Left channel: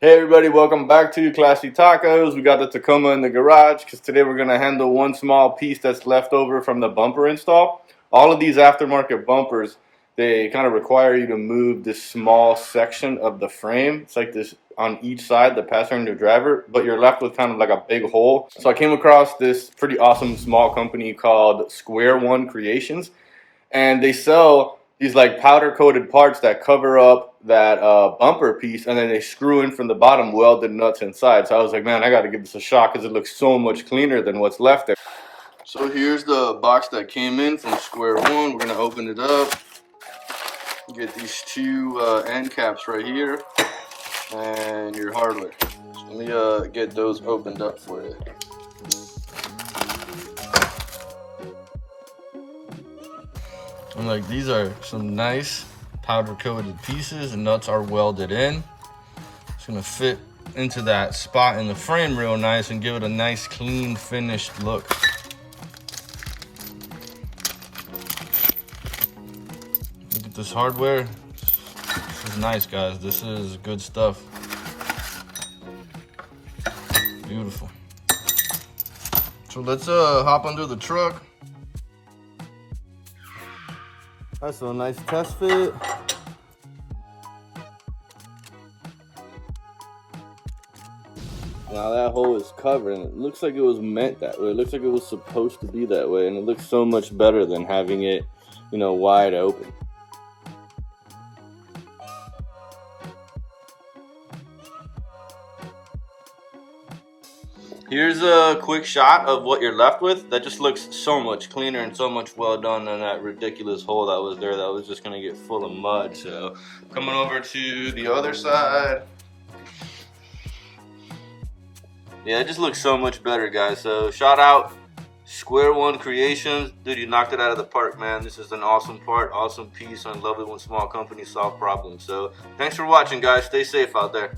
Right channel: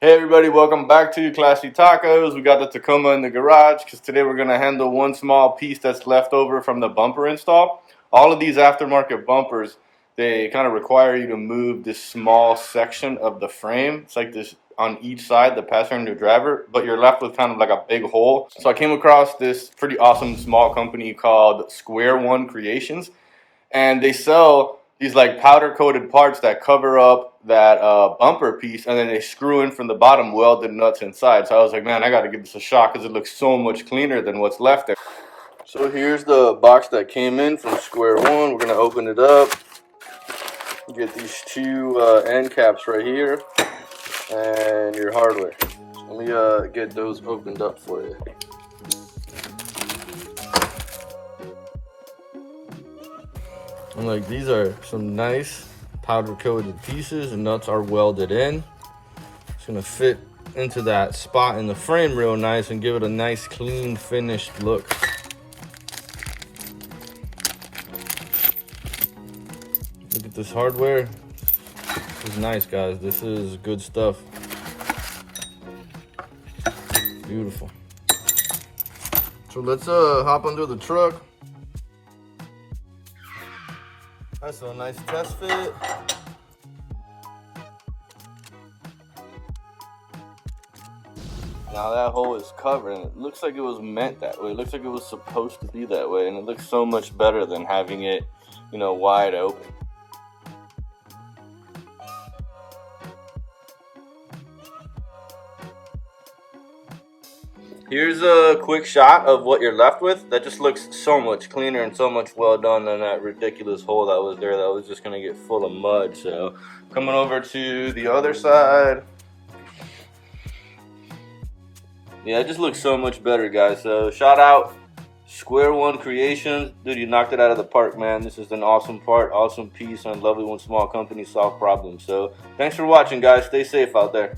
Hey everybody, welcome back to Classy Tacos. We got the Tacoma in the garage because today we're going to handle one small piece that's left over from the bumper install. All of these aftermarket bumpers, they kind of require you to move this small section of the frame. It's like this on each side, the passenger driver, but you're left with kind of like a big hole. So I came across this pretty awesome small company called Squareone Creations, and they sell these like powder coated parts that cover up that bumper piece, and then they screw in from the bottom welded nuts inside. So I was like, man, I got to give this a shot because it looks so much cleaner than what's left there. So here's the box that came in from Squareone. We're gonna open it up, get these two end caps right here, and your hardware. So let me get those opened up for you. And like, these are some nice powder coated pieces, and nuts are welded in. It's gonna fit into that spot in the frame real nice and give it a nice clean finished look. Look at this hardware. This is nice, guys. This is good stuff. Beautiful. So let's hop under the truck. That's a nice test fit. Now that hole is covered, and it looks like it was meant that way. It looks like it was supposed to be that way, and it looks so much better than having it, wide open. Here's a quick shot of what you're left with. That just looks so much cleaner and so much well done than that ridiculous hole that was there that was just gonna get full of mud. So coming over to the other side. Yeah, it just looks so much better, guys. So shout out Squareone Creations. Dude, you knocked it out of the park, man. This is an awesome part, awesome piece. I love it when small companies solve problems. So thanks for watching, guys. Stay safe out there.